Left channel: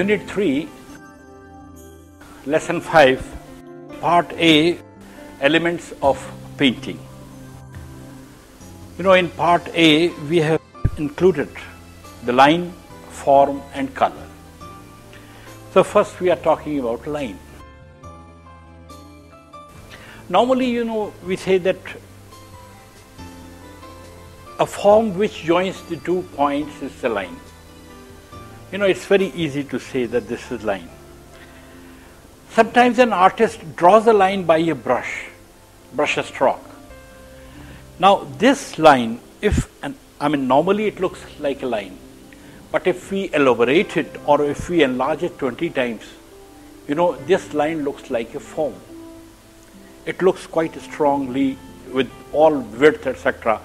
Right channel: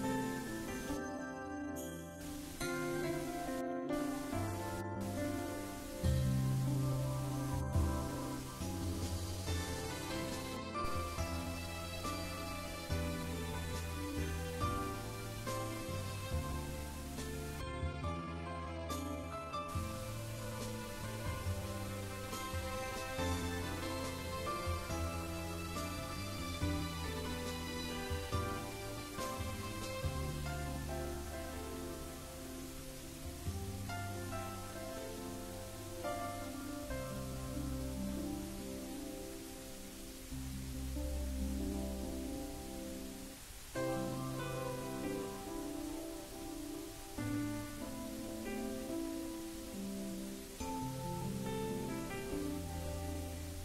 Unit 3, Lesson 5, Part A, Elements of Painting. In Part A, we have included the line, form and color. So first we are talking about line. Normally, we say that a form which joins the 2 points is the line. It's very easy to say that this is line. Sometimes an artist draws a line by a brush stroke. Now this line, normally it looks like a line, but if we elaborate it or if we enlarge it 20 times, this line looks like a form. It looks quite strongly with all width, etc.,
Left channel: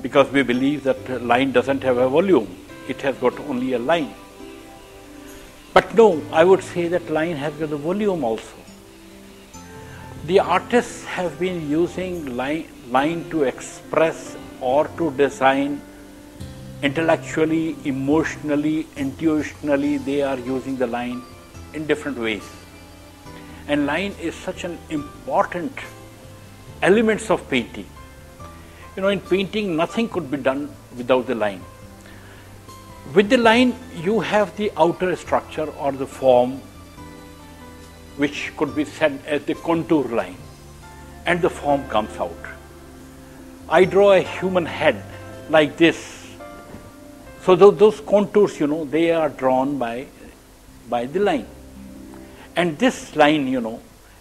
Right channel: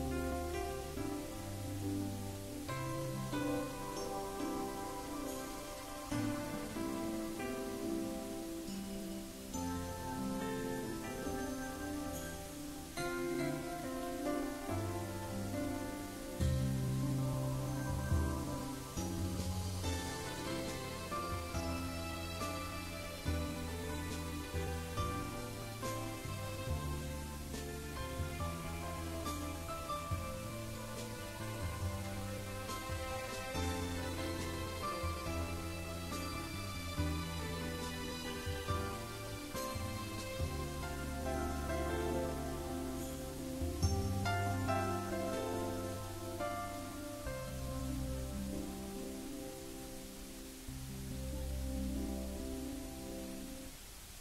because we believe that the line doesn't have a volume. It has got only a line. But no, I would say that line has got a volume also. The artists have been using line to express or to design intellectually, emotionally, intuitionally. They are using the line in different ways. And line is such an important element of painting. In painting, nothing could be done without the line. With the line, you have the outer structure or the form, which could be said as the contour line, and the form comes out. I draw a human head like this. So those contours, they are drawn by the line. And this line,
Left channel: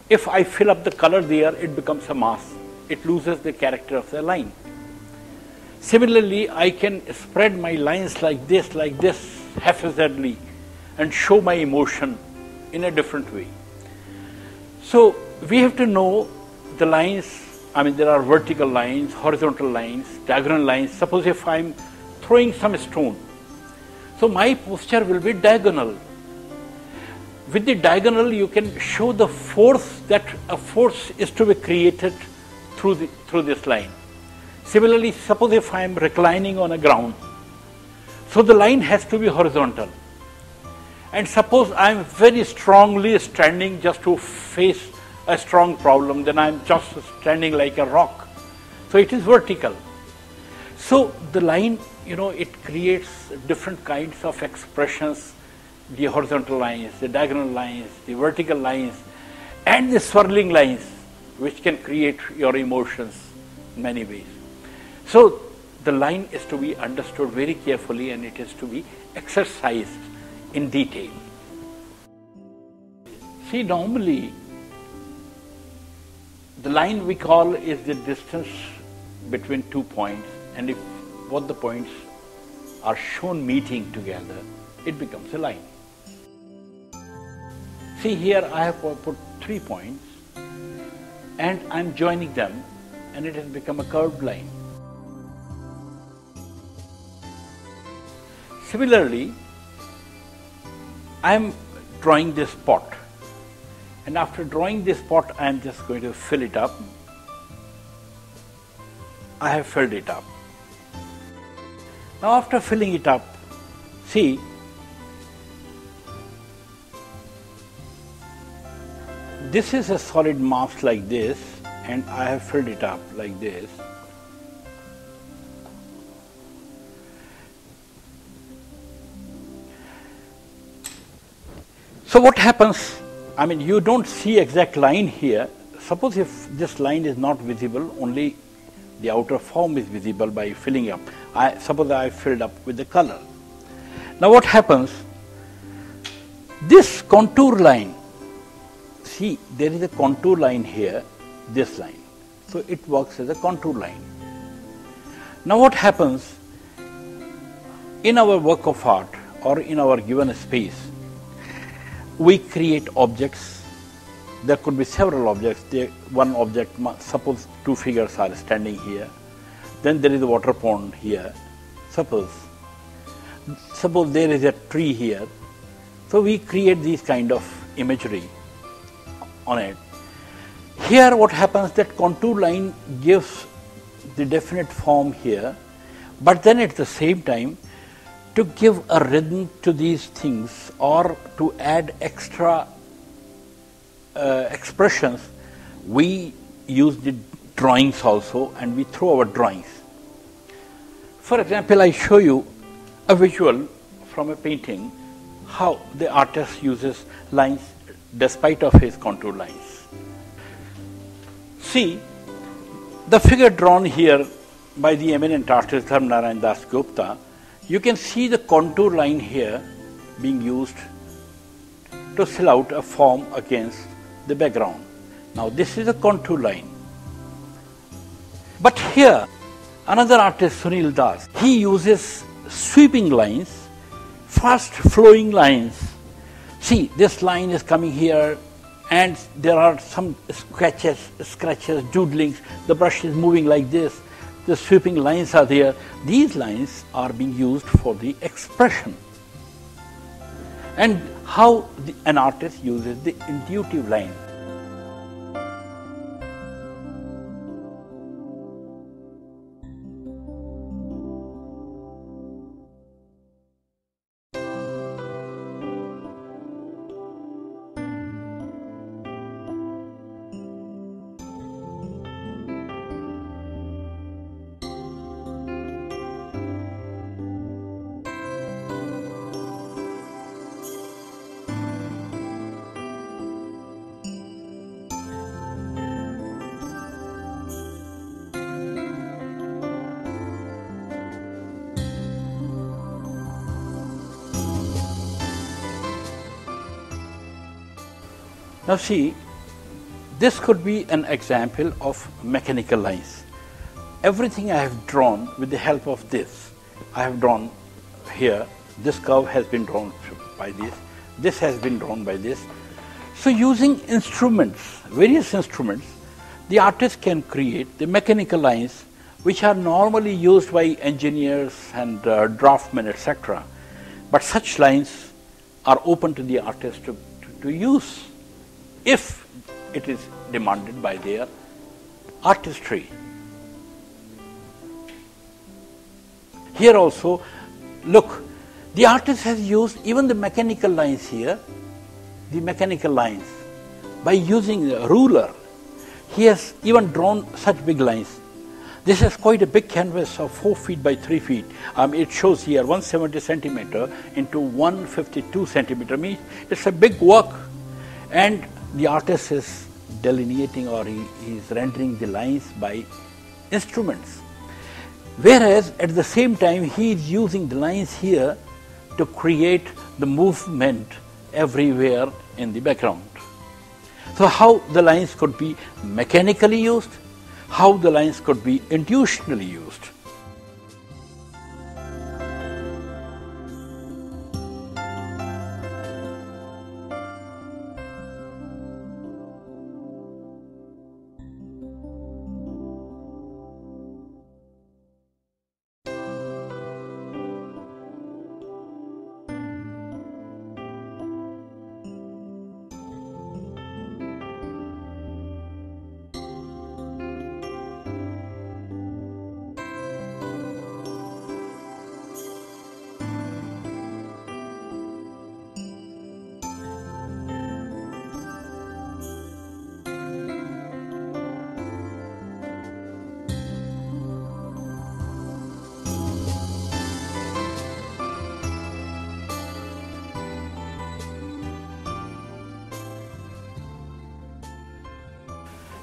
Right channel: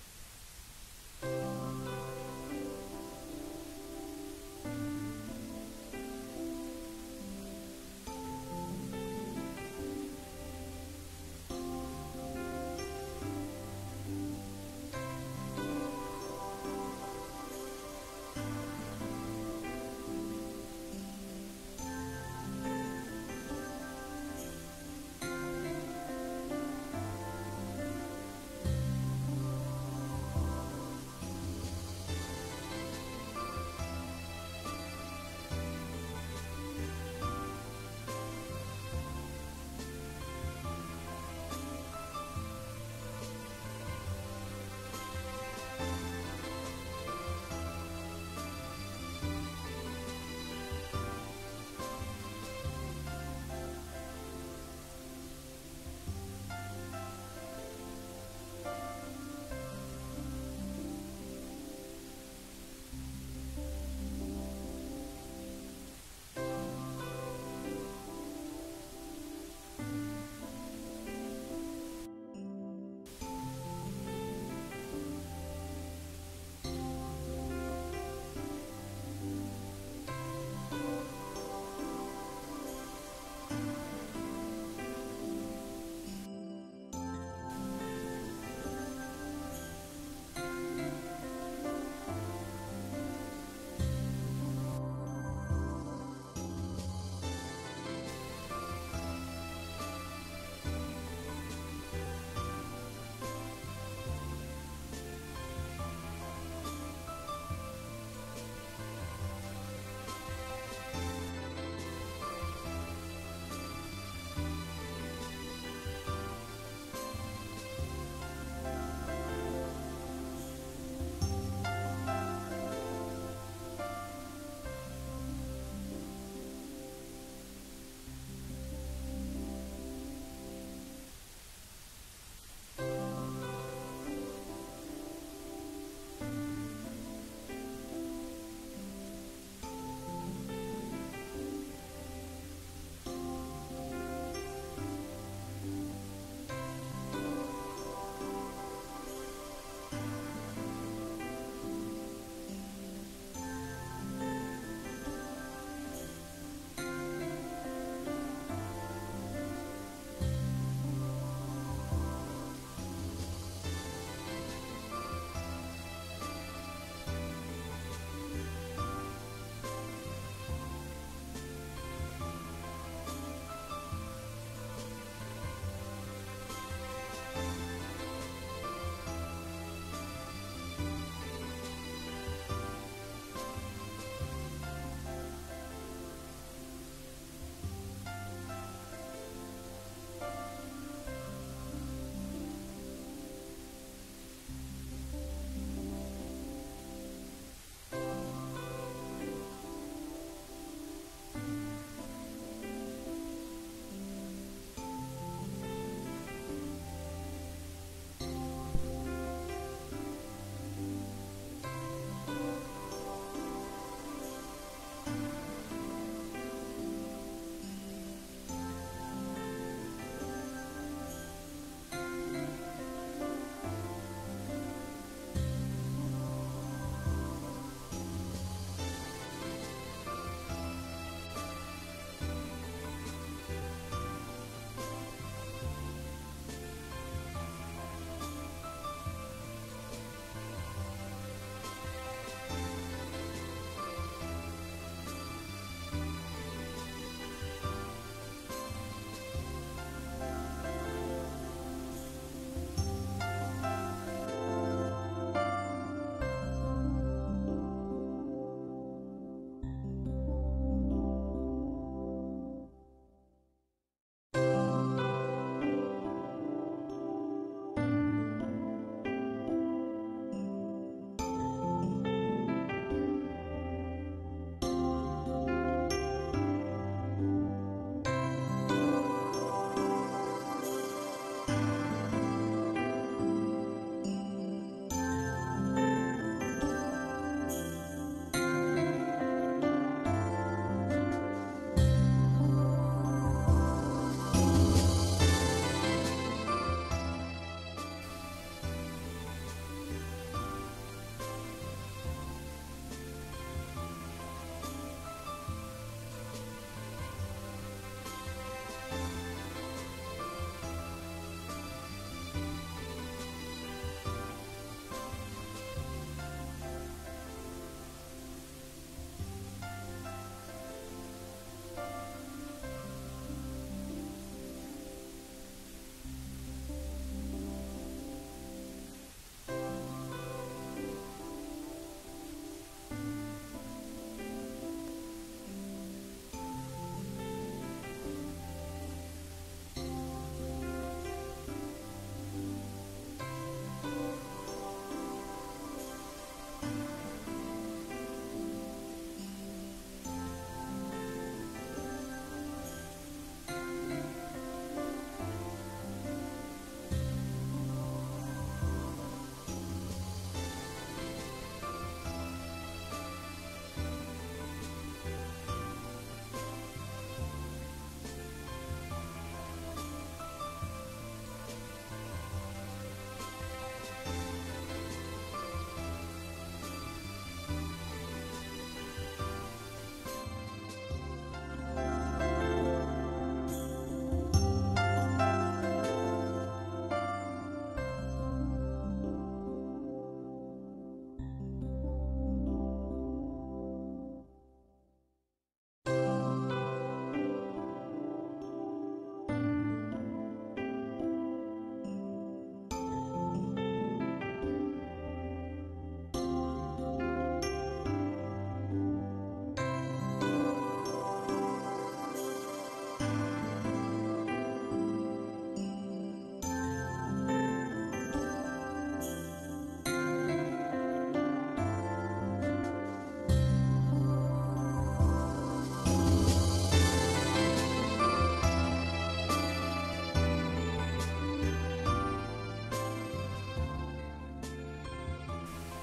if I fill up the color there, it becomes a mass. It loses the character of the line. Similarly, I can spread my lines like this, haphazardly, and show my emotion in a different way. So we have to know the lines. There are vertical lines, horizontal lines, diagonal lines. Suppose if I'm throwing some stone, so my posture will be diagonal. With the diagonal, you can show the force, that a force is to be created through this line. Similarly, suppose if I am reclining on a ground, so the line has to be horizontal. And suppose I am very strongly standing just to face a strong problem, then I am just standing like a rock. So it is vertical. So the line, it creates different kinds of expressions, the horizontal lines, the diagonal lines, the vertical lines, and the swirling lines, which can create your emotions in many ways. So the line is to be understood very carefully, and it is to be exercised in detail. See, normally the line we call is the distance between 2 points, and if both the points are shown meeting together, it becomes a line. See, here I have put 3 points and I am joining them, and it has become a curved line. Similarly, I am drawing this pot, and after drawing this pot, I am just going to fill it up. I have filled it up. Now after filling it up, see, this is a solid mass like this, and I have filled it up like this. So what happens, you don't see exact line here. Suppose if this line is not visible, only the outer form is visible by filling up. Suppose I filled up with the color. Now what happens, this contour line, see, there is a contour line here, this line. So it works as a contour line. Now what happens, in our work of art or in our given space, we create objects. There could be several objects. One object, suppose 2 figures are standing here. Then there is a water pond here. Suppose there is a tree here. So we create these kind of imagery on it. Here what happens, that contour line gives the definite form here, but then at the same time To give a rhythm to these things or to add extra expressions, we use the drawings also, and we throw our drawings. For example, I show you a visual from a painting, how the artist uses lines despite of his contour lines. See, the figure drawn here by the eminent artist Dharmanarayan Das Gupta, you can see the contour line here being used to fill out a form against the background. Now this is a contour line. But here, another artist, Sunil Das, he uses sweeping lines, fast flowing lines. See, this line is coming here and there are some scratches, doodlings, the brush is moving like this. The sweeping lines are there. These lines are being used for the expression. And how an artist uses the intuitive line. Now see, this could be an example of mechanical lines. Everything I have drawn with the help of this. I have drawn here, this curve has been drawn by this has been drawn by this. So using instruments, various instruments, the artist can create the mechanical lines which are normally used by engineers and draftsmen, etc. But such lines are open to the artist to use if it is demanded by their artistry. Here also, look, the artist has used even the mechanical lines here, the mechanical lines, by using a ruler. He has even drawn such big lines. This is quite a big canvas of 4 feet by 3 feet. It shows here 170 centimeter into 152 centimeter. It's a big work. And the artist is delineating or he is rendering the lines by instruments. Whereas at the same time he is using the lines here to create the movement everywhere in the background. So how the lines could be mechanically used, how the lines could be intuitionally used.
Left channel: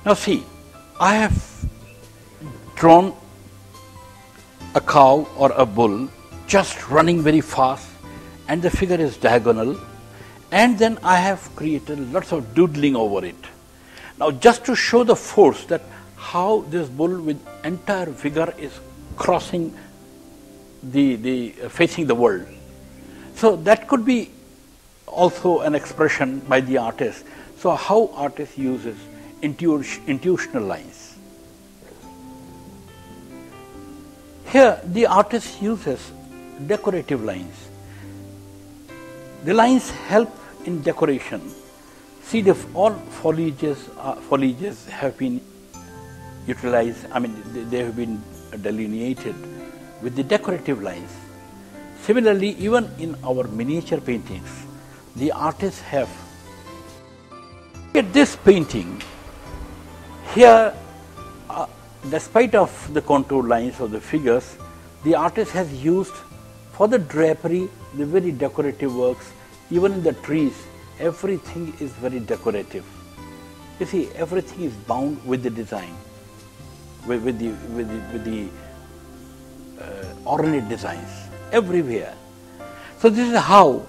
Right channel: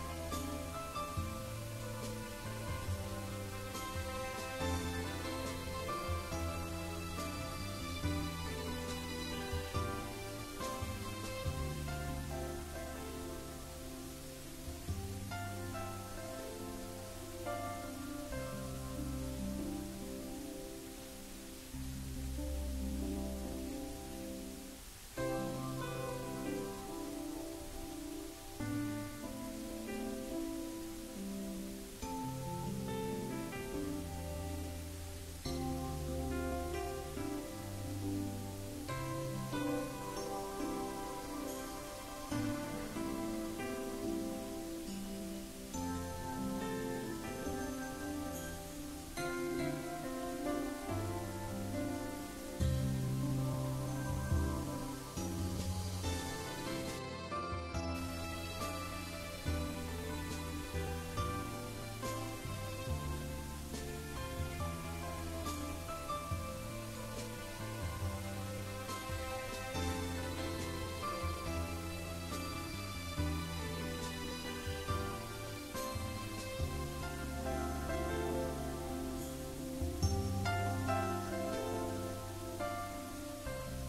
Now see, I have drawn a cow or a bull just running very fast and the figure is diagonal, and then I have created lots of doodling over it. Now just to show the force that how this bull with entire figure is crossing facing the world. So that could be also an expression by the artist. So how artist uses intuitional lines. Here the artist uses decorative lines. The lines help in decoration. See, all foliages have been utilized, they have been delineated with the decorative lines. Similarly, even in our miniature paintings, the artists have. Look at this painting. Here, despite of the contour lines of the figures, the artist has used for the drapery the very decorative works. Even in the trees, everything is very decorative. You see, everything is bound with the design, with the ornate designs everywhere. So this is how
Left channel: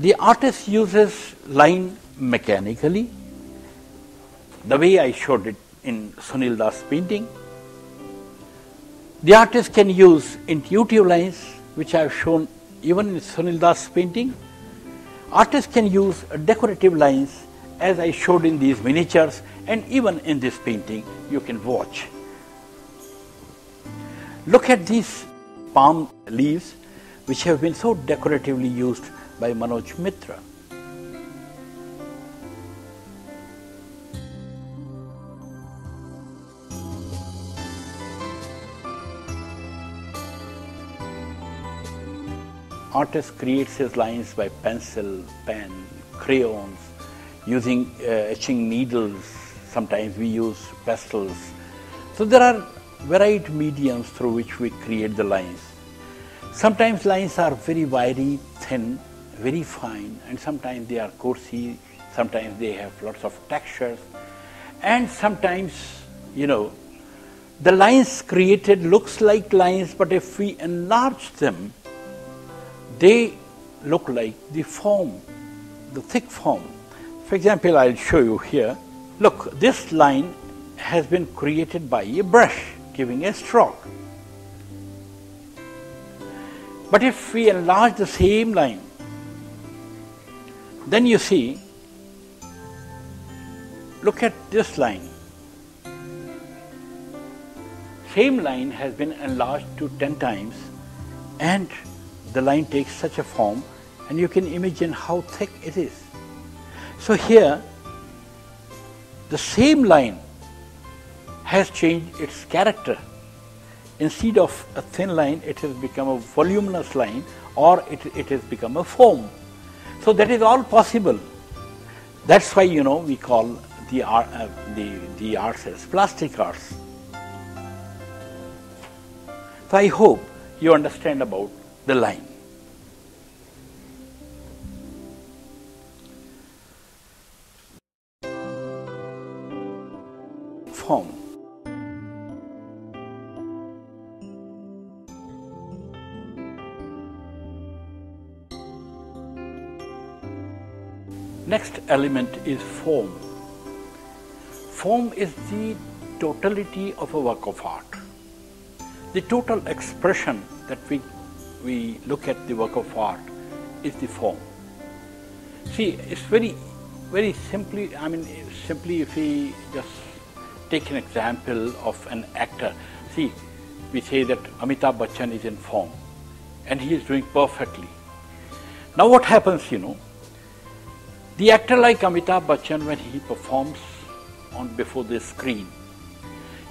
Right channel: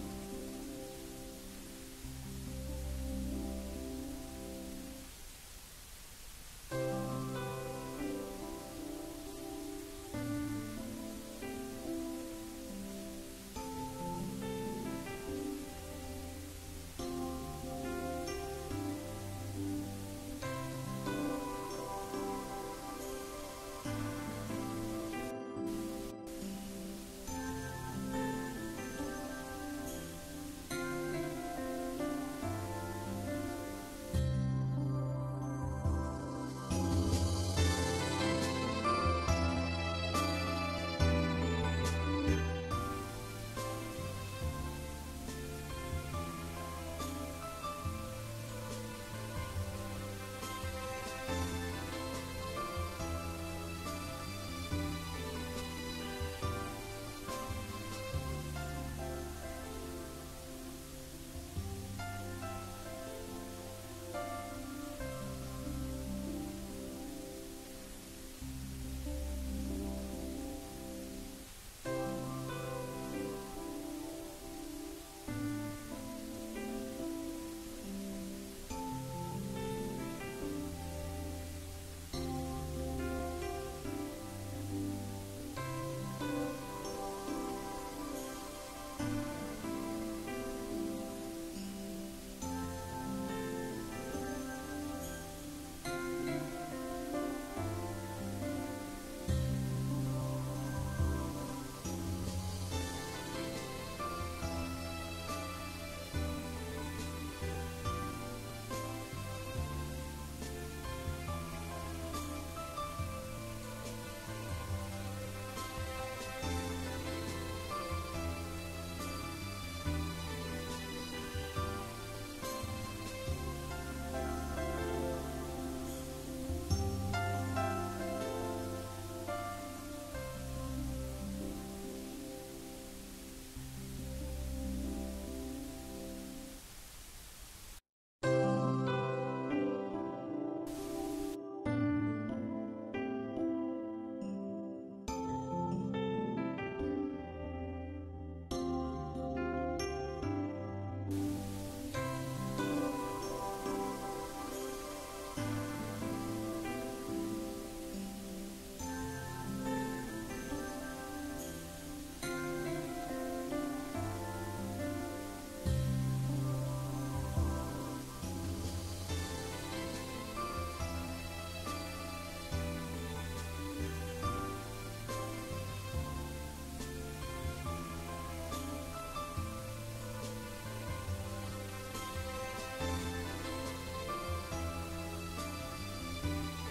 the artist uses line mechanically, the way I showed it in Sunil Das' painting. The artist can use intuitive lines, which I have shown even in Sunil Das' painting. Artists can use decorative lines, as I showed in these miniatures, and even in this painting you can watch. Look at these palm leaves, which have been so decoratively used by Manoj Mitra. Artist creates his lines by pencil, pen, crayons, using etching needles. Sometimes we use pastels. So there are varied mediums through which we create the lines. Sometimes lines are very wiry, thin, very fine, and sometimes they are coarse, sometimes they have lots of textures, and sometimes, you know, the lines created looks like lines, but if we enlarge them, they look like the form, the thick form. For example, I'll show you here. Look, this line has been created by a brush, giving a stroke. But if we enlarge the same line, then you see, look at this line. Same line has been enlarged to 10 times, and the line takes such a form, and you can imagine how thick it is. So here, the same line has changed its character. Instead of a thin line, it has become a voluminous line, or it has become a foam. So that is all possible. That's why, you know, we call the arts as plastic arts. So I hope you understand about the line. Form. Next element is form. Form is the totality of a work of art. The total expression that we look at the work of art is the form. See, it's very simply, simply if we just take an example of an actor. See, we say that Amitabh Bachchan is in form, and he is doing perfectly. Now what happens, you know, the actor like Amitabh Bachchan, when he performs before the screen,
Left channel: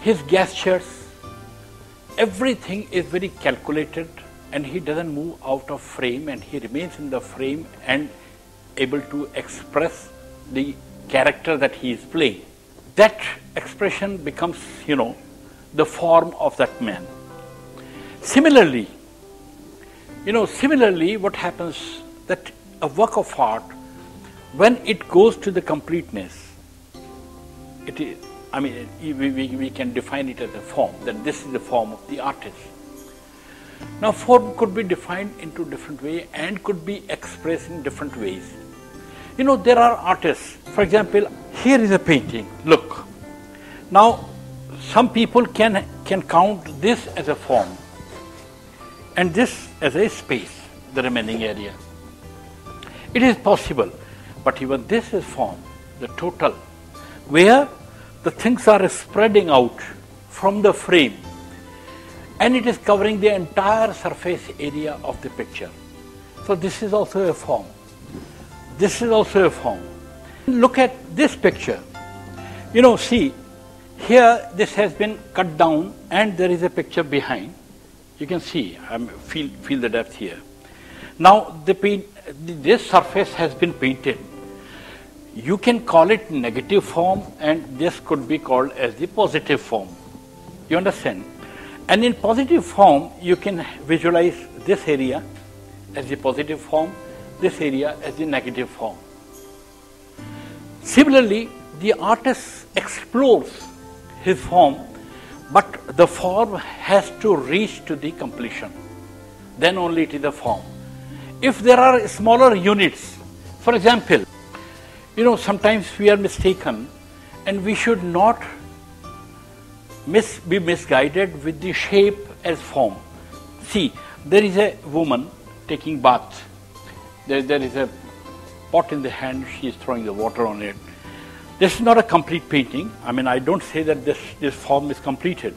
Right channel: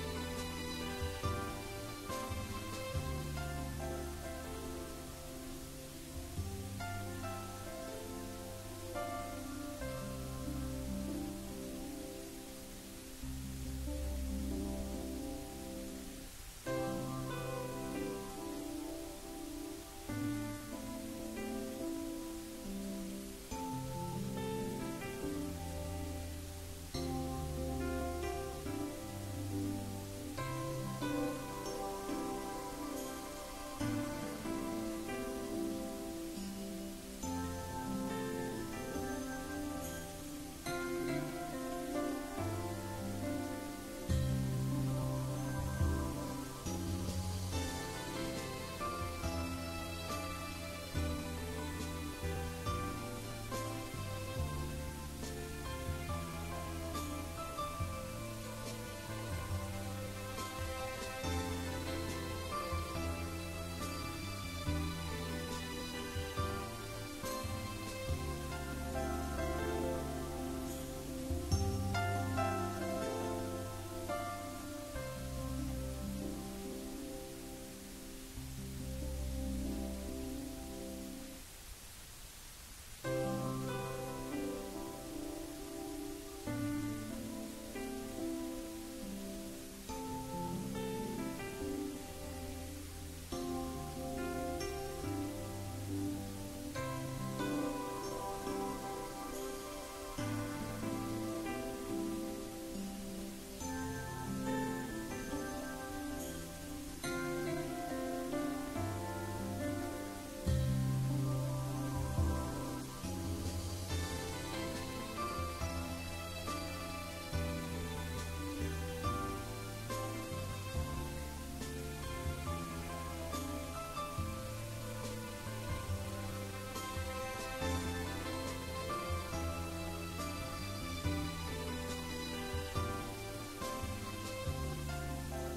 his gestures, everything is very calculated, and he doesn't move out of frame, and he remains in the frame and able to express the character that he is playing. That expression becomes, you know, the form of that man. Similarly, what happens that a work of art, when it goes to the completeness, it is, we can define it as a form, that this is the form of the artist. Now, form could be defined into different ways and could be expressed in different ways. You know, there are artists, for example, here is a painting, look. Now, some people can count this as a form and this as a space, the remaining area. It is possible, but even this is form, the total, where the things are spreading out from the frame and it is covering the entire surface area of the picture. So this is also a form. This is also a form. Look at this picture. You know, see, here this has been cut down and there is a picture behind. You can see, feel the depth here. Now this surface has been painted. You can call it negative form, and this could be called as the positive form. You understand? And in positive form, you can visualize this area as the positive form, this area as the negative form. Similarly, the artist explores his form, but the form has to reach to the completion. Then only it is a form. If there are smaller units, for example, sometimes we are mistaken, and we should not be misguided with the shape as form. See, there is a woman taking bath. There is a pot in the hand, she is throwing the water on it. This is not a complete painting. I don't say that this form is completed.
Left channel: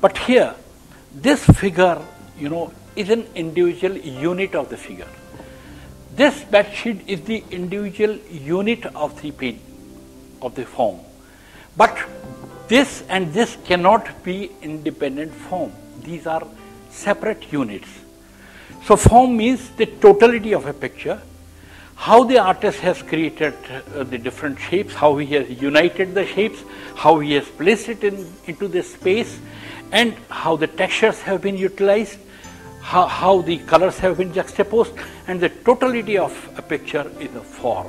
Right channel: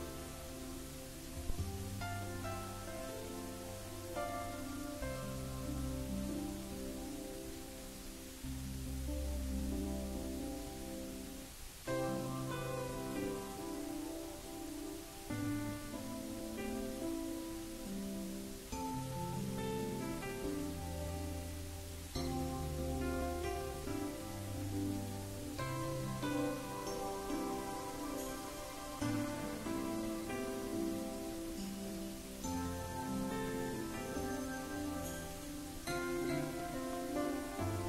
But here, this figure, is an individual unit of the figure. This bedsheet is the individual unit of the of the form. But this and this cannot be independent form. These are separate units. So form means the totality of a picture, how the artist has created the different shapes, how he has united the shapes, how he has placed it into the space, and how the textures have been utilized, how the colors have been juxtaposed, and the totality of a picture is a form.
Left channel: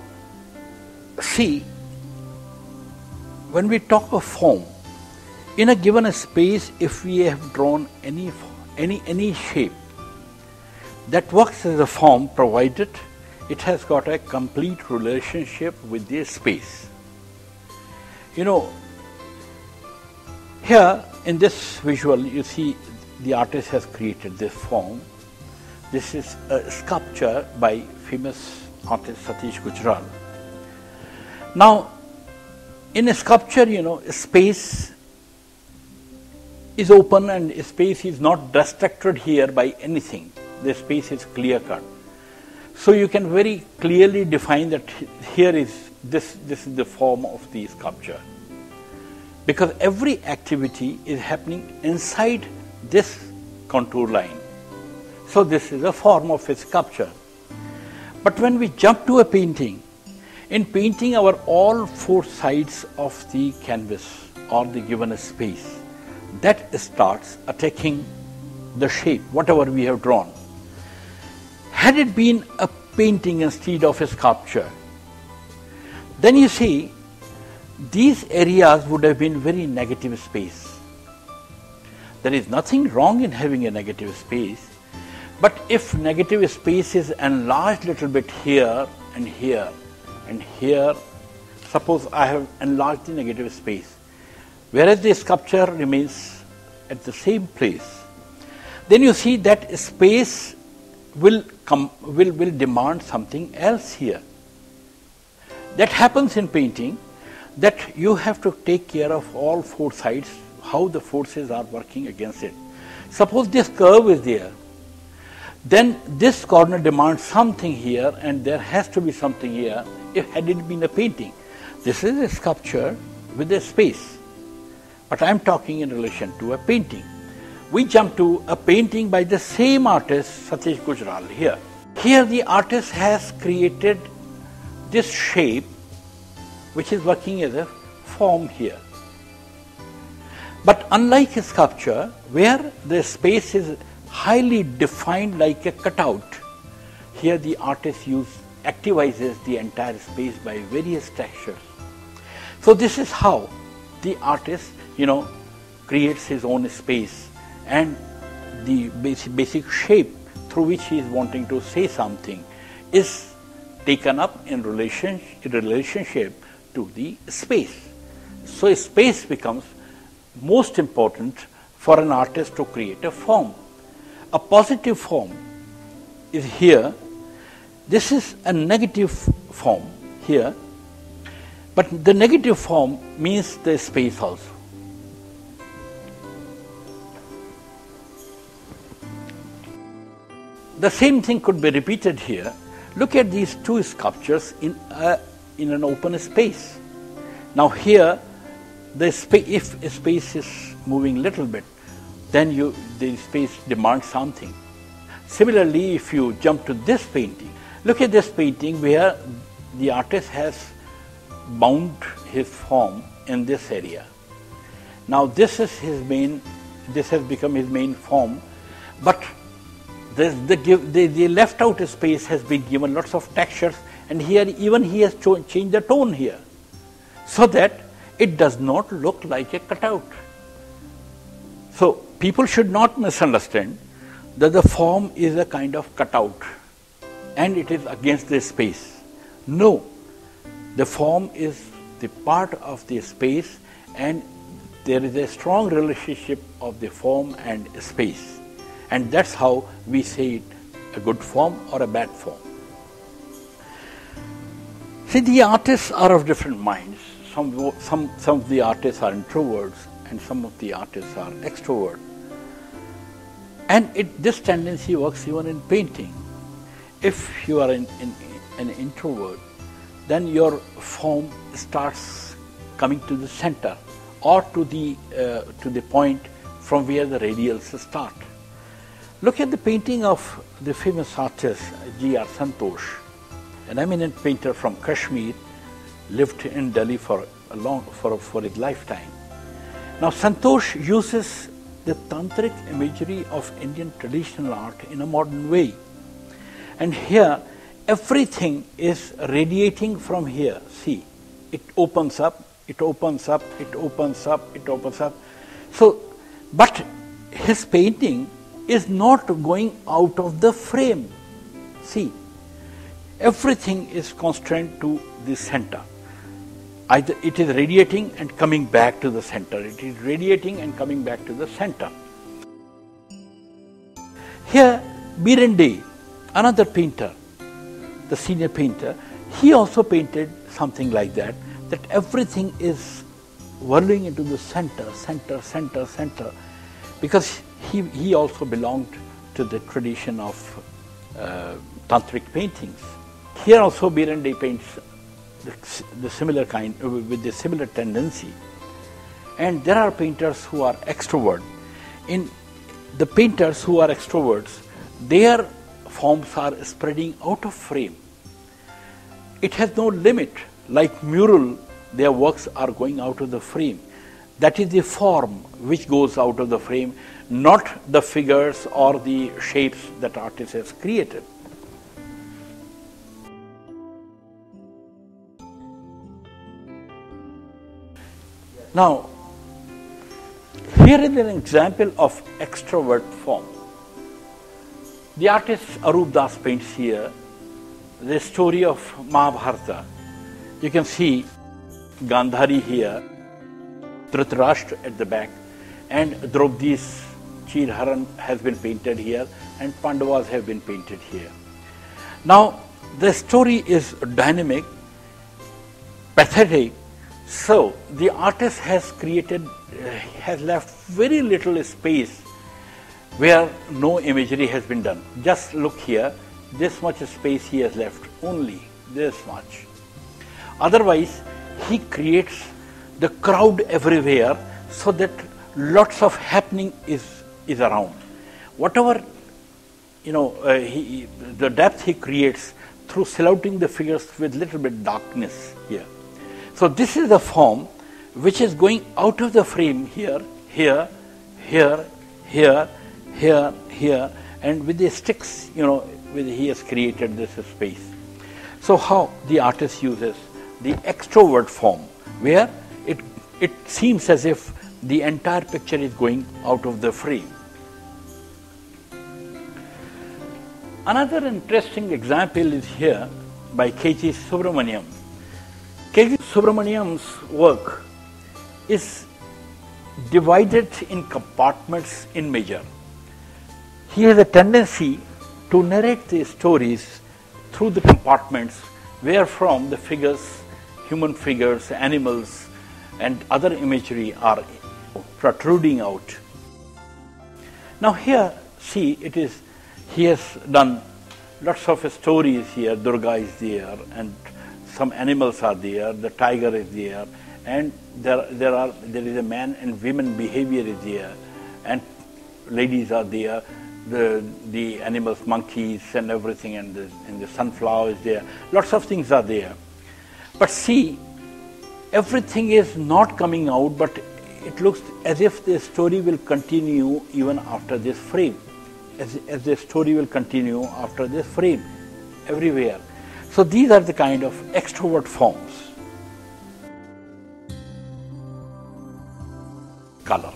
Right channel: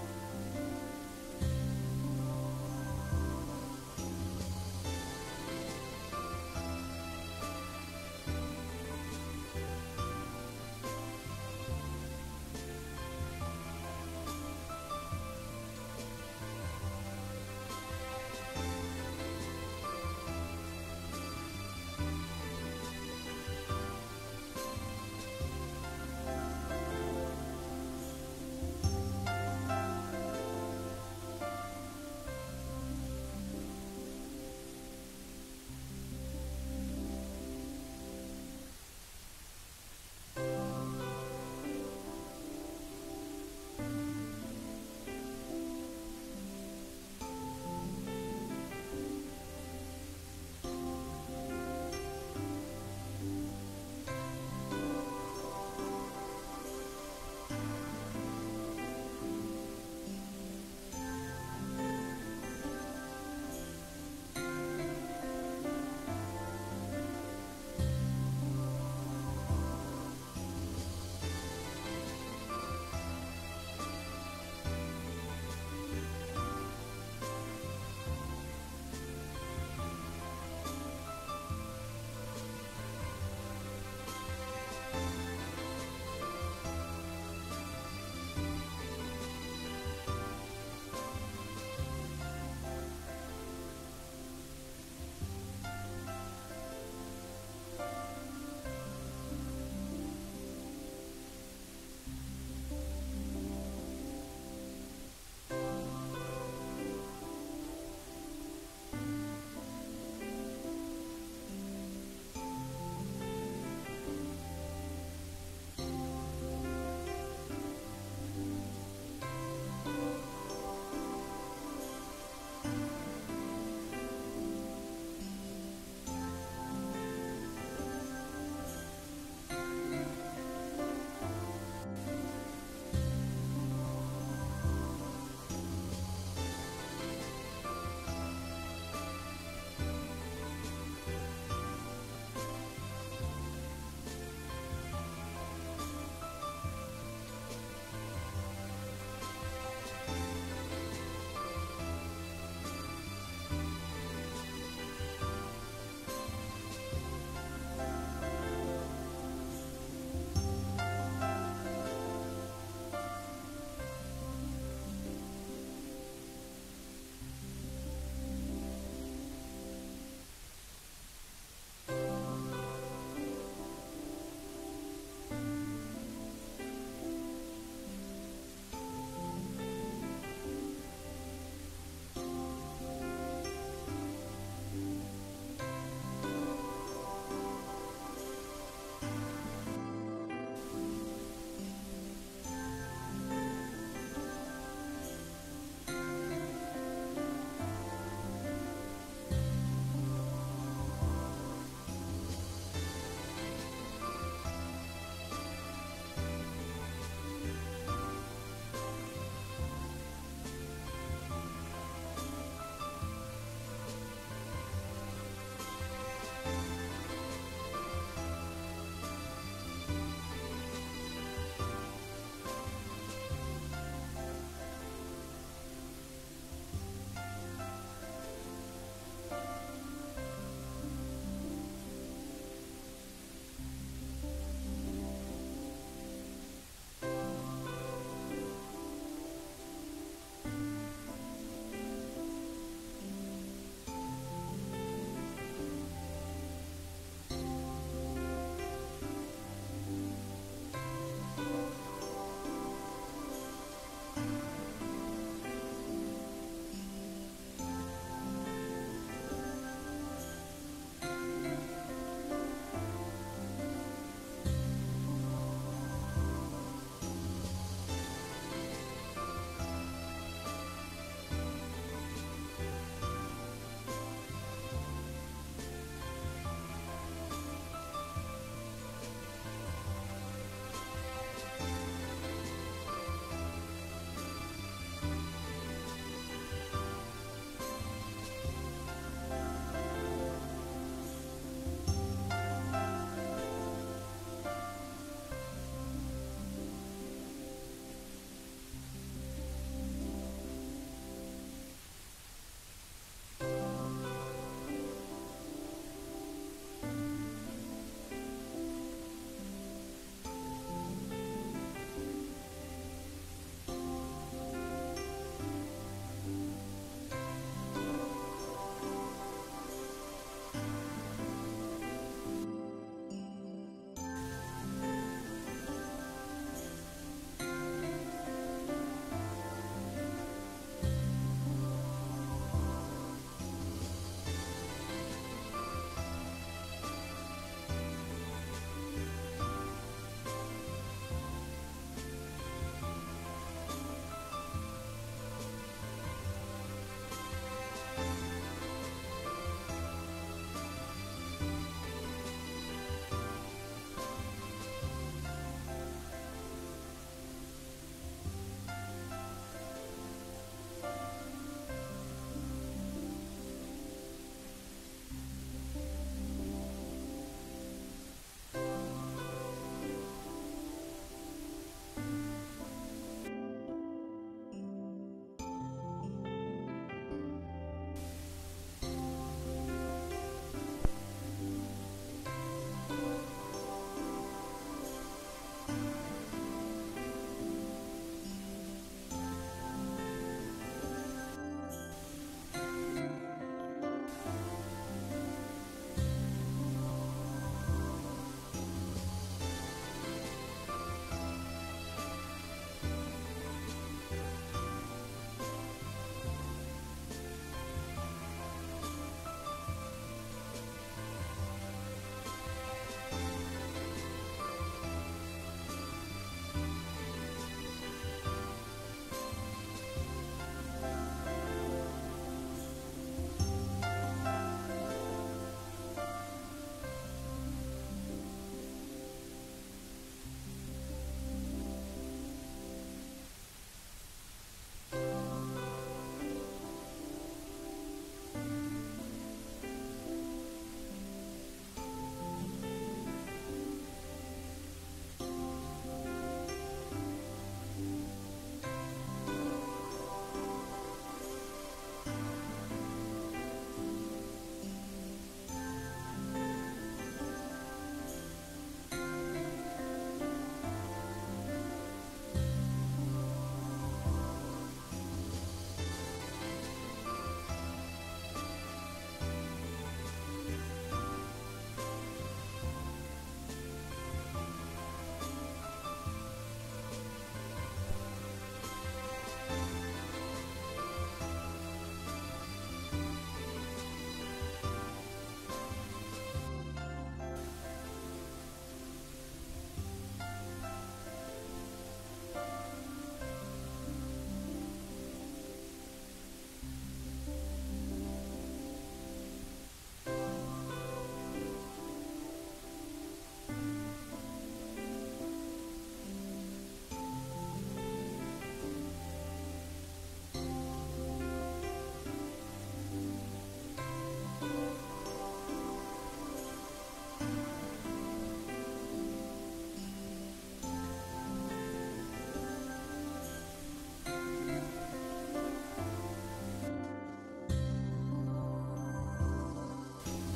See, when we talk of form, in a given space, if we have drawn any shape, that works as a form provided it has got a complete relationship with the space. Here in this visual, you see the artist has created this form. This is a sculpture by famous artist Satish Gujral. Now, in a sculpture, space is open and space is not restricted here by anything. The space is clear cut. So you can very clearly define that here is this is the form of the sculpture. Because every activity is happening inside this contour line. So this is a form of a sculpture. But when we jump to a painting, in painting all four sides of the canvas or the given space, that starts attacking the shape, whatever we have drawn. Had it been a painting instead of a sculpture, then you see these areas would have been very negative space. There is nothing wrong in having a negative space, but if negative space is enlarged a little bit here and here and here, suppose I have enlarged the negative space, whereas the sculpture remains at the same place, then you see that space will demand something else here. That happens in painting, that you have to take care of all four sides, how the forces are working against it. Suppose this curve is there, then this corner demands something here and there has to be something here if had it been a painting. This is a sculpture with a space, but I am talking in relation to a painting. We jump to a painting by the same artist, Satish Gujral here. Here the artist has created this shape which is working as a form here. But unlike a sculpture, where the space is highly defined like a cutout, here the artist activizes the entire space by various textures. So this is how the artist, creates his own space, and the basic shape through which he is wanting to say something is taken up in relationship to the space. So space becomes most important for an artist to create a form. A positive form is here. This is a negative form here, but the negative form means the space also. The same thing could be repeated here. Look at these two sculptures in an open space. Now here, if a space is moving little bit, then the space demands something. Similarly, if you jump to this painting, look at this painting where the artist has bound his form in this area. Now this is this has become his main form, but the left out space has been given lots of textures, and here even he has changed the tone here, so that it does not look like a cutout. So people should not misunderstand that the form is a kind of cutout and it is against the space. No, the form is the part of the space, and there is a strong relationship of the form and space, and that's how we say it, a good form or a bad form. See, the artists are of different minds. Some of the artists are introverts and some of the artists are extroverts. And this tendency works even in painting. If you are an introvert, then your form starts coming to the center or to the point from where the radials start. Look at the painting of the famous artist G.R. Santosh, an eminent painter from Kashmir, lived in Delhi for his lifetime. Now Santosh uses the tantric imagery of Indian traditional art in a modern way. And here everything is radiating from here. See, it opens up, it opens up, it opens up, it opens up. So, but his painting is not going out of the frame. See, everything is constrained to the center. Either it is radiating and coming back to the center. It is radiating and coming back to the center. Here, Birende, another painter, the senior painter, he also painted something like that, that everything is whirling into the center, center, center, center, because he also belonged to the tradition of tantric paintings. Here also Birende paints the similar kind, with the similar tendency. And there are painters who are extrovert. In the painters who are extroverts, their forms are spreading out of frame. It has no limit. Like mural, their works are going out of the frame. That is the form which goes out of the frame, not the figures or the shapes that artist has created. Now, here is an example of extrovert form. The artist Arup Das paints here the story of Mahabharata. You can see Gandhari here, Dhritarashtra at the back, and Draupadi's Chirharan has been painted here, and Pandavas have been painted here. Now, the story is dynamic, pathetic. So the artist has left very little space where no imagery has been done. Just look here, this much space he has left, only this much. Otherwise, he creates the crowd everywhere so that lots of happening is around. Whatever, the depth he creates through silhouetting the figures with little bit darkness here. So this is the form which is going out of the frame here, here, here, here, here, here, and with the sticks, he has created this space. So how the artist uses the extrovert form, where it seems as if the entire picture is going out of the frame. Another interesting example is here by K.G. Subramaniam. K.G. Subramaniam's work is divided in compartments in measure. He has a tendency to narrate the stories through the compartments wherefrom the figures, human figures, animals, and other imagery are protruding out. Now here, see, he has done lots of stories here. Durga is there, and some animals are there, the tiger is there, and there is a man and women behavior is there, and ladies are there, the animals, monkeys and everything, and the sunflower is there. Lots of things are there. But see, everything is not coming out, but it looks as if the story will continue even after this frame. As the story will continue after this frame, everywhere. So these are the kind of extrovert forms. Color.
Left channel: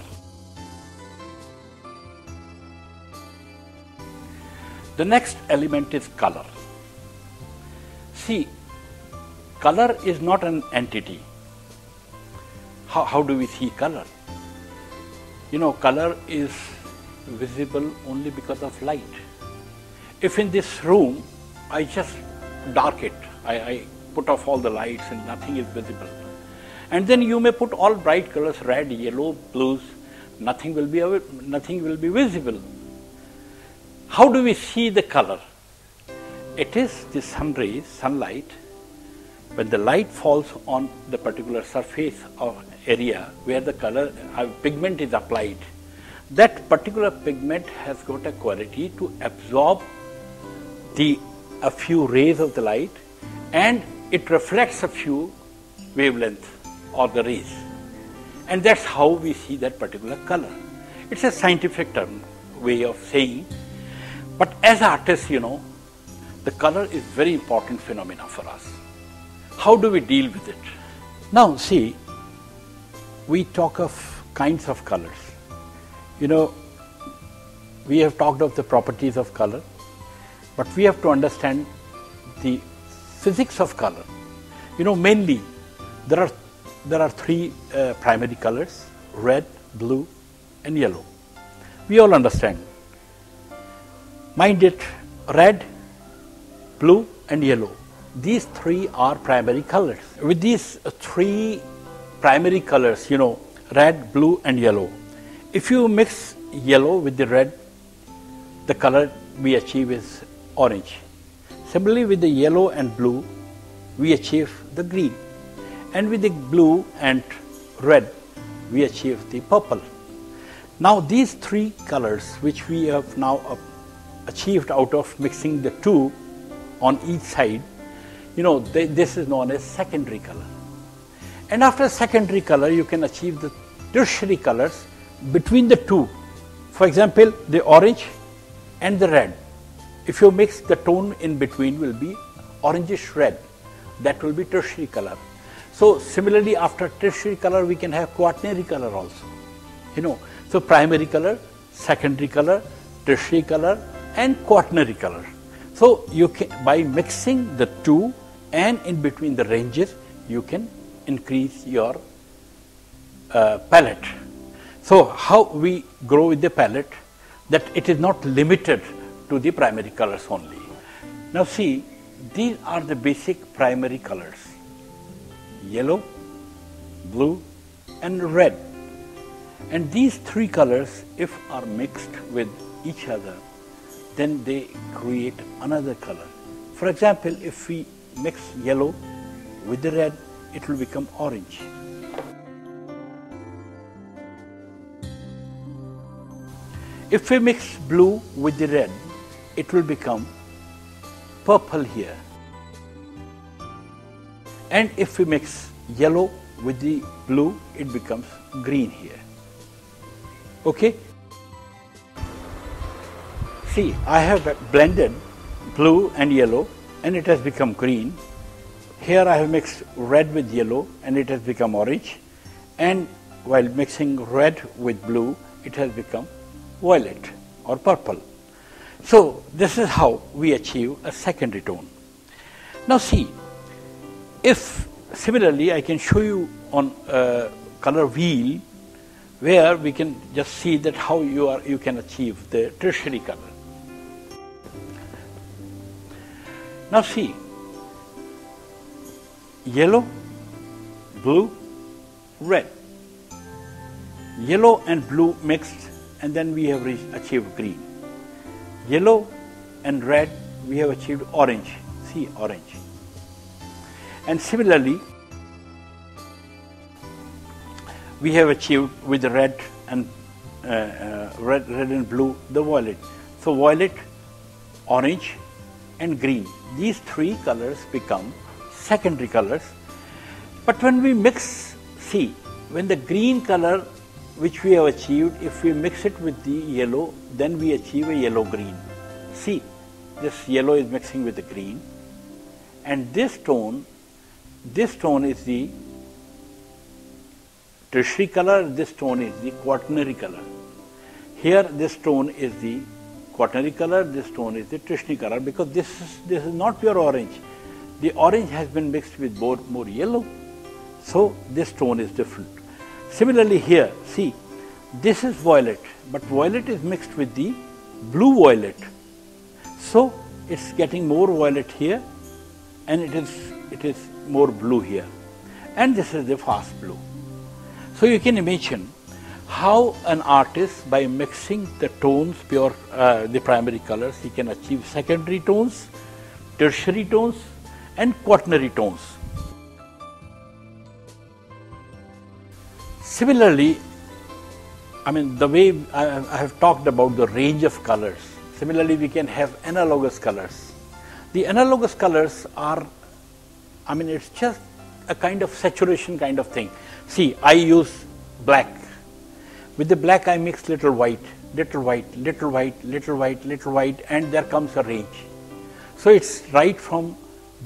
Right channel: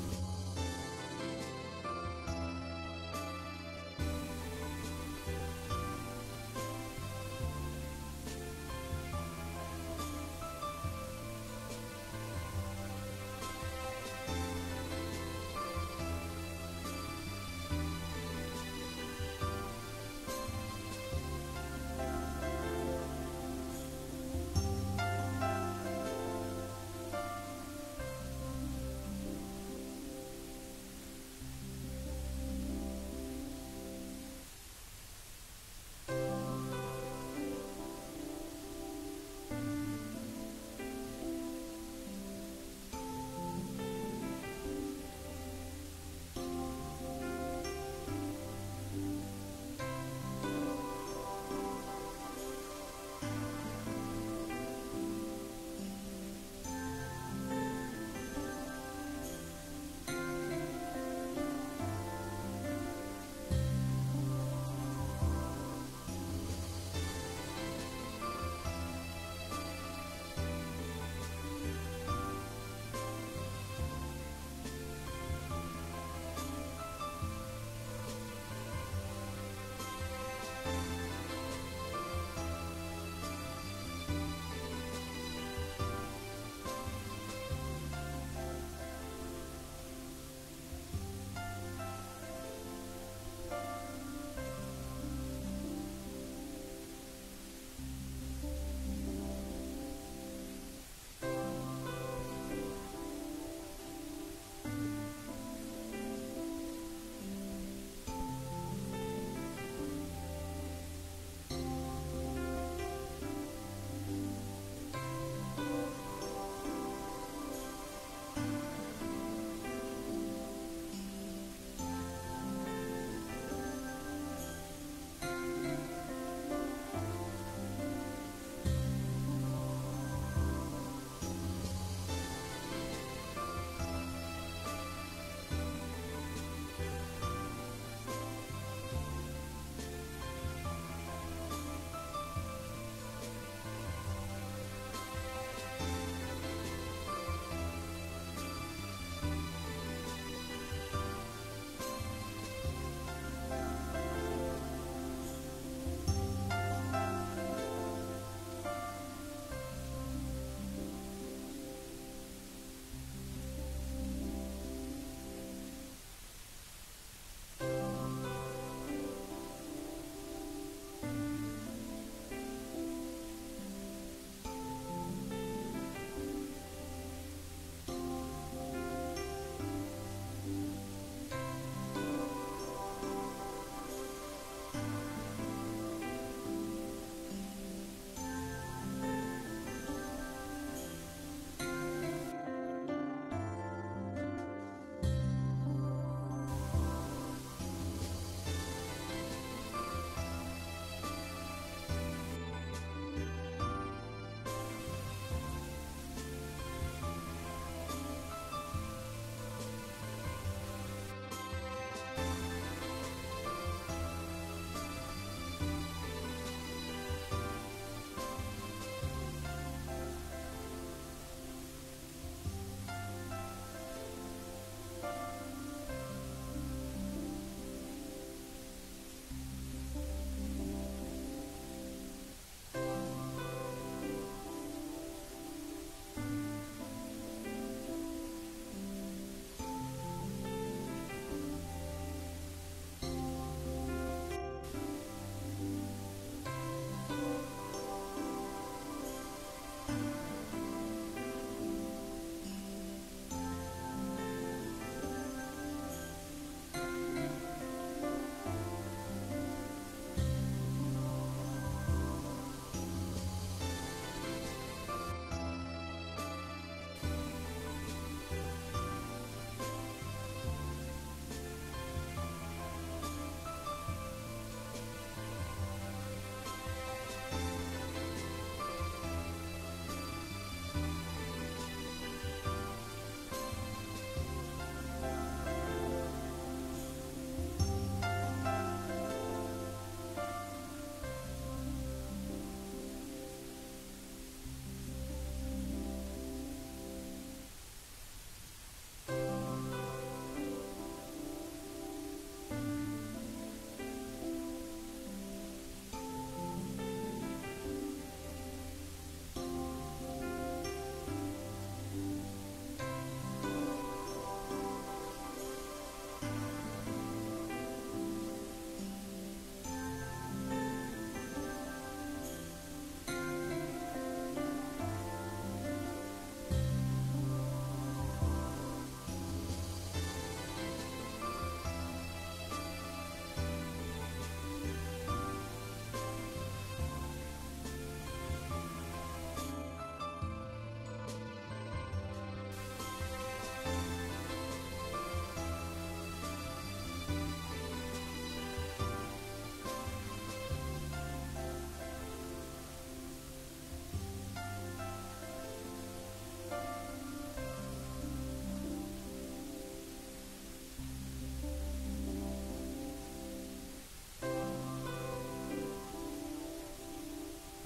The next element is color. See, color is not an entity. How do we see color? You know, color is visible only because of light. If in this room I just dark it, I put off all the lights and nothing is visible. And then you may put all bright colors, red, yellow, blues, nothing will be visible. How do we see the color? It is the sun rays, sunlight. When the light falls on the particular surface or area where the color pigment is applied, that particular pigment has got a quality to absorb a few rays of the light, and it reflects a few wavelengths or the rays. And that's how we see that particular color. It's a scientific term, way of saying. But as artists, you know, the color is very important phenomena for us. How do we deal with it? Now see, we talk of kinds of colors. You know, we have talked of the properties of color, but we have to understand the physics of color. You know, mainly there are three primary colors: red, blue and yellow. We all understand. Mind it, red, blue and yellow. These three are primary colors. With these three primary colors, you know, red, blue and yellow, if you mix yellow with the red, the color we achieve is orange. Similarly, with the yellow and blue, we achieve the green. And with the blue and red, we achieve the purple. Now these three colors which we have now achieved out of mixing the two on each side, you know, this is known as secondary color. And after secondary color, you can achieve the tertiary colors between the two. For example, the orange and the red. If you mix, the tone in between will be orangish red. That will be tertiary color. So similarly, after tertiary color, we can have quaternary color also. You know, so primary color, secondary color, tertiary color and quaternary color. So you can, by mixing the two and in between the ranges, you can increase your palette. So how we grow with the palette, that it is not limited to the primary colors only. Now see, these are the basic primary colors: yellow, blue and red. And these three colors, if are mixed with each other, then they create another color. For example, if we mix yellow with the red, it will become orange. If we mix blue with the red, it will become purple here. And if we mix yellow with the blue, it becomes green here. Okay? See, I have blended blue and yellow and it has become green. Here I have mixed red with yellow and it has become orange. And while mixing red with blue, it has become violet or purple. So this is how we achieve a secondary tone. Now see, if similarly I can show you on a color wheel where we can just see that how you can achieve the tertiary color. Now see, yellow, blue, red. Yellow and blue mixed, and then we have achieved green. Yellow and red, we have achieved orange. See, orange. And similarly, we have achieved with red and red and blue, the violet. So violet, orange and green, these three colors become secondary colors. But when we mix, see, when the green color which we have achieved, if we mix it with the yellow, then we achieve a yellow-green. See, this yellow is mixing with the green, and this tone is the tertiary color, this tone is the quaternary color. Here this tone is the quaternary color, this tone is the tertiary color, because this is not pure orange. The orange has been mixed with more yellow, so this tone is different. Similarly here, see, this is violet, but violet is mixed with the blue violet. So it's getting more violet here, and it is more blue here. And this is the fast blue. So you can imagine how an artist, by mixing the tones, the primary colors, he can achieve secondary tones, tertiary tones, and quaternary tones. Similarly, I mean, the way I have talked about the range of colors, similarly we can have analogous colors. The analogous colors are, I mean, it's just a kind of saturation kind of thing. See, I use black. With the black I mix little white, little white, little white, little white, little white, and there comes a range. So it's right from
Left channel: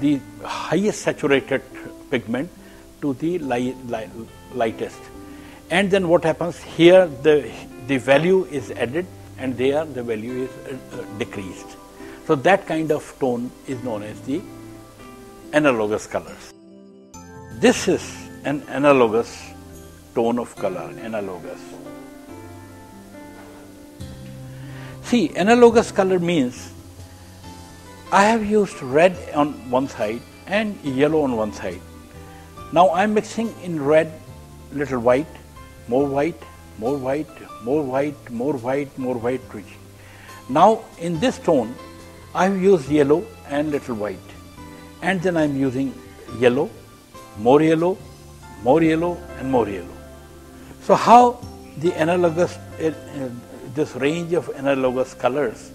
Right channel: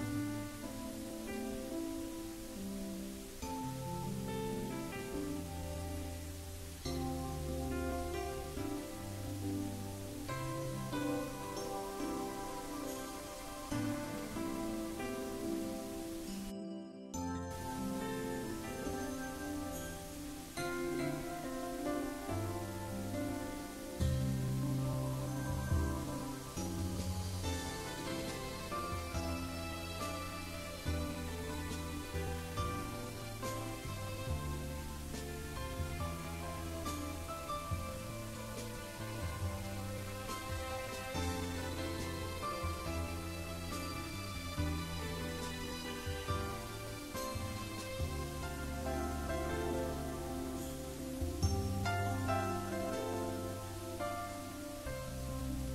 the highest saturated pigment to the lightest. And then what happens here, the value is added, and there the value is decreased. So that kind of tone is known as the analogous colors. This is an analogous tone of color, analogous. See, analogous color means I have used red on one side and yellow on one side. Now I am mixing in red little white, more white, more white, more white, more white, more white. Now in this tone I have used yellow and little white, and then I am using yellow, more yellow, more yellow, and more yellow. So how the analogous, this range of analogous colors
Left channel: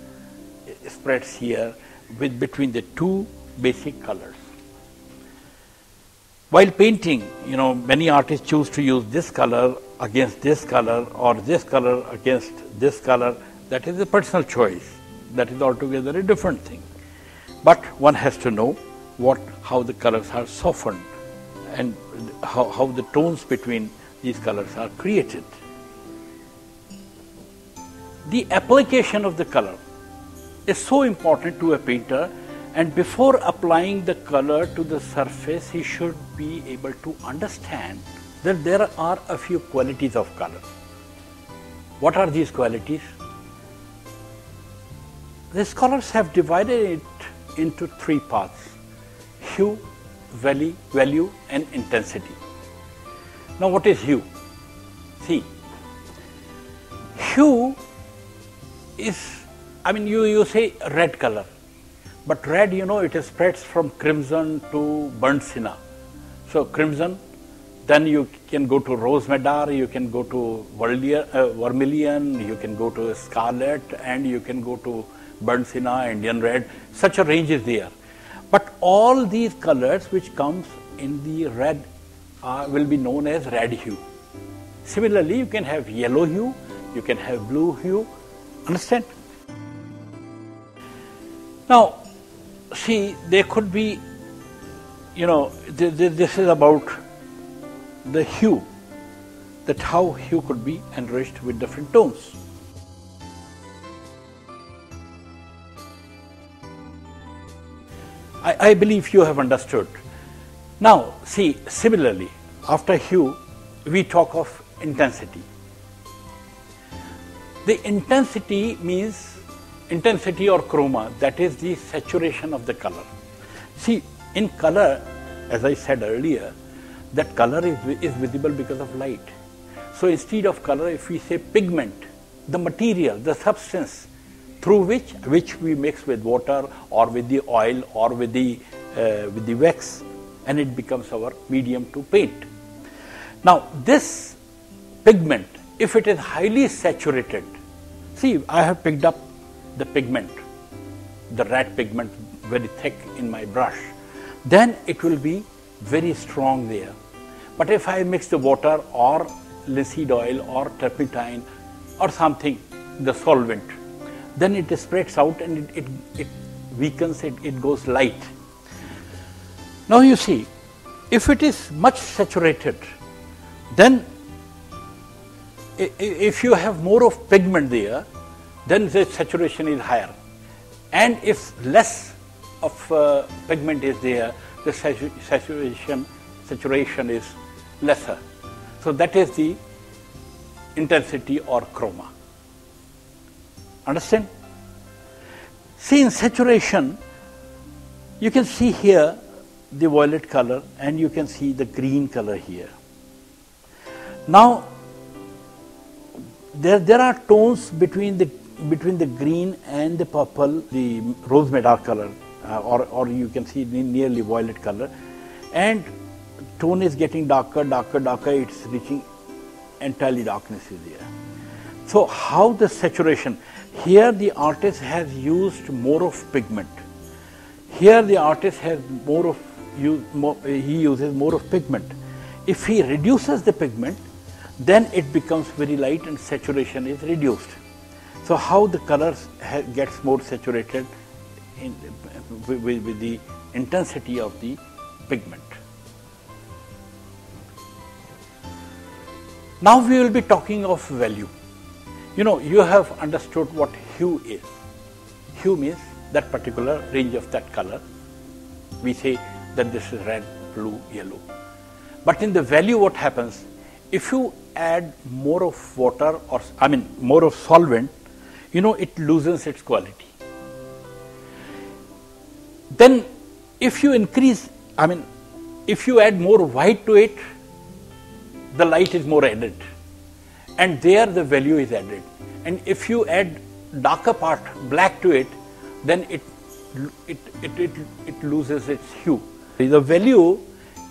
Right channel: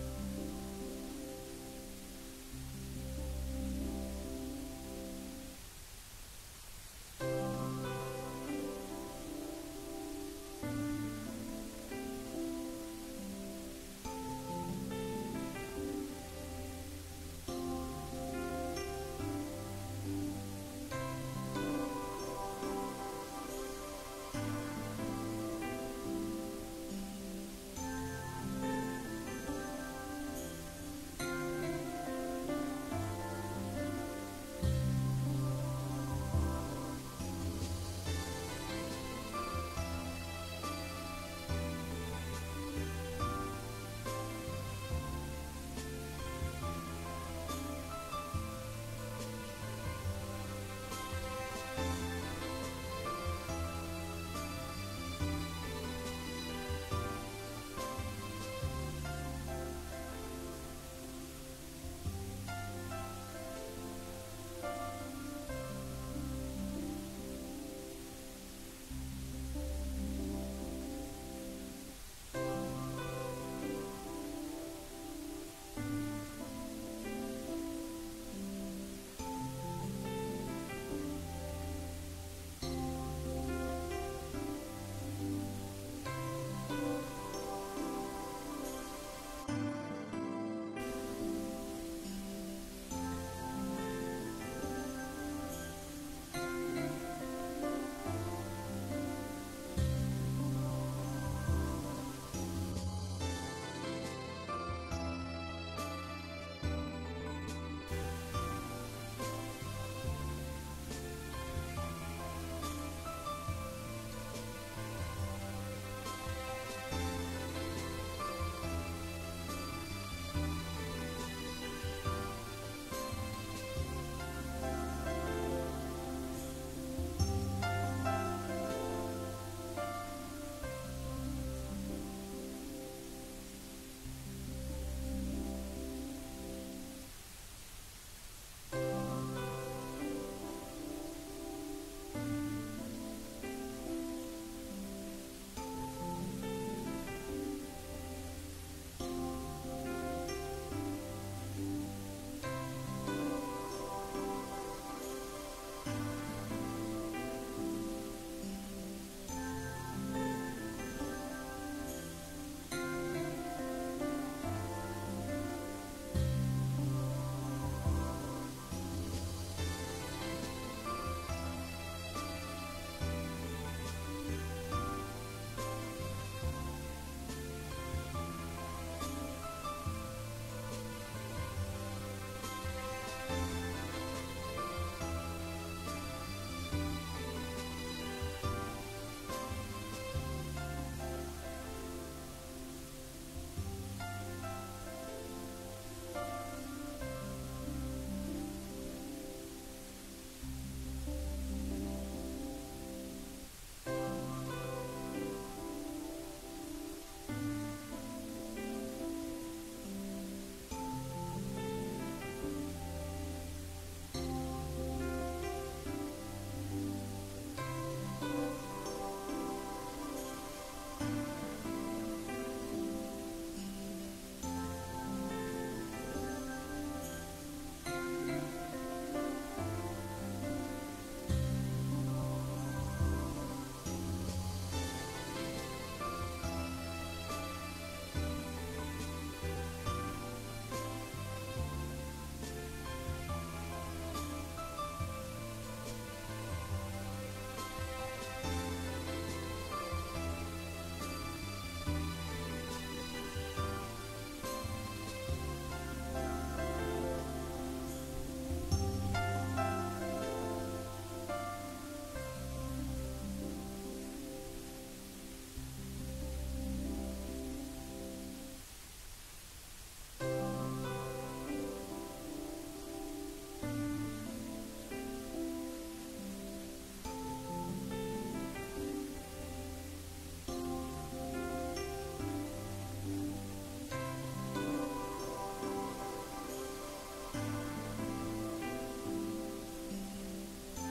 spreads here between the two basic colors. While painting, many artists choose to use this color against this color or this color against this color. That is a personal choice. That is altogether a different thing. But one has to know how the colors are softened and how the tones between these colors are created. The application of the color is so important to a painter, and before applying the color to the surface, he should be able to understand that there are a few qualities of color. What are these qualities? The scholars have divided it into three parts: hue, value, and intensity. Now what is hue? See, hue is, you say red color, but red, it spreads from crimson to burnt sienna. So crimson, then you can go to rose madder, you can go to vermilion, you can go to scarlet, and you can go to burnt sienna, Indian red. Such a range is there. But all these colors which comes in the red will be known as red hue. Similarly, you can have yellow hue, you can have blue hue. Understand? Now, see, there could be, this is about the hue, that how hue could be enriched with different tones. I believe you have understood. Now, see, similarly, after hue, we talk of intensity. The intensity means intensity or chroma, that is the saturation of the color. See, in color, as I said earlier, that color is visible because of light. So instead of color, if we say pigment, the material, the substance through which we mix with water or with the oil or with the wax, and it becomes our medium to paint. Now this pigment if it is highly saturated, see, I have picked up the pigment, the red pigment, very thick in my brush, then it will be very strong there. But if I mix the water or linseed oil or turpentine or something, the solvent, then it spreads out and it weakens, it goes light. Now you see, if it is much saturated, then if you have more of pigment there, then the saturation is higher. And if less of pigment is there, the saturation is lesser. So that is the intensity or chroma. Understand? See, in saturation, you can see here the violet color and you can see the green color here. Now, there are tones between the green and the purple, the rose madder color, or you can see nearly violet color, and tone is getting darker, it's reaching entirely darkness is there. So how the saturation, here the artist has used more of pigment. Here the artist has he uses more of pigment. If he reduces the pigment, then it becomes very light and saturation is reduced. So how the colors gets more saturated with the intensity of the pigment. Now we will be talking of value. You know, you have understood what hue is. Hue means that particular range of that color. We say that this is red, blue, yellow. But in the value, what happens? If you add more of water or more of solvent, you know, it loses its quality. Then if you increase, if you add more white to it, the light is more added, and there the value is added. And if you add darker part, black to it, then it loses its hue. The value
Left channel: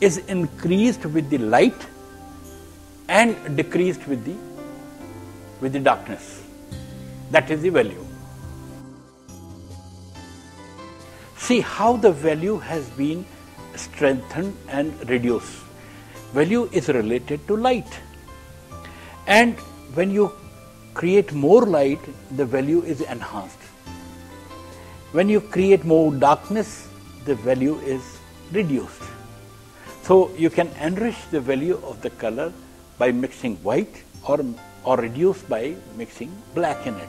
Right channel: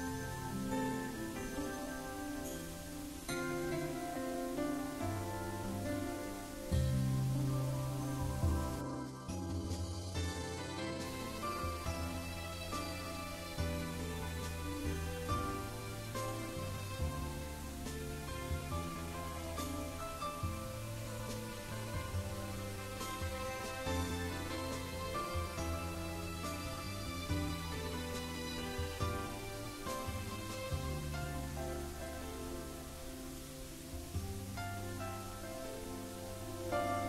is increased with the light and decreased with the darkness. That is the value. See how the value has been strengthened and reduced. Value is related to light, and when you create more light, the value is enhanced. When you create more darkness, the value is reduced. So you can enrich the value of the color by mixing white or reduce by mixing black in it.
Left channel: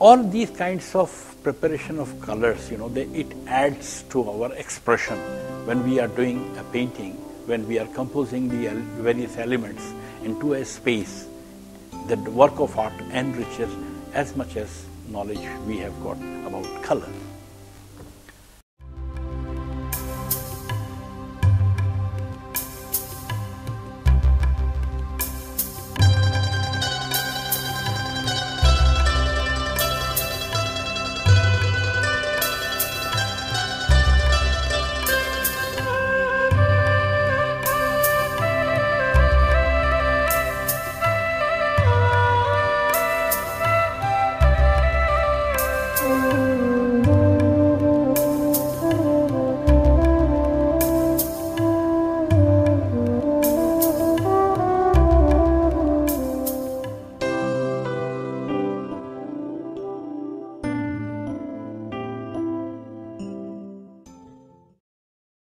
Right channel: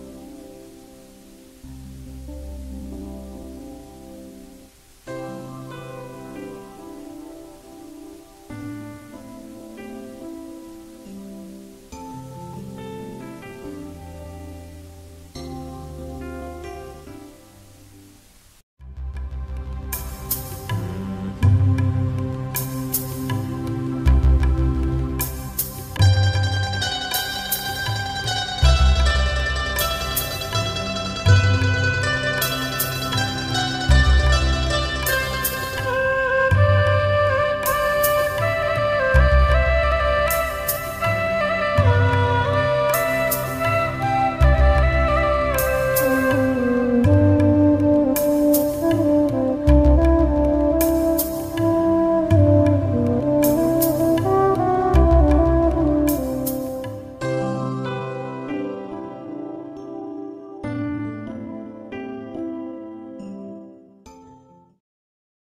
All these kinds of preparation of colors, you know, it adds to our expression when we are doing a painting, when we are composing the various elements into a space. The work of art enriches as much as knowledge we have got about color.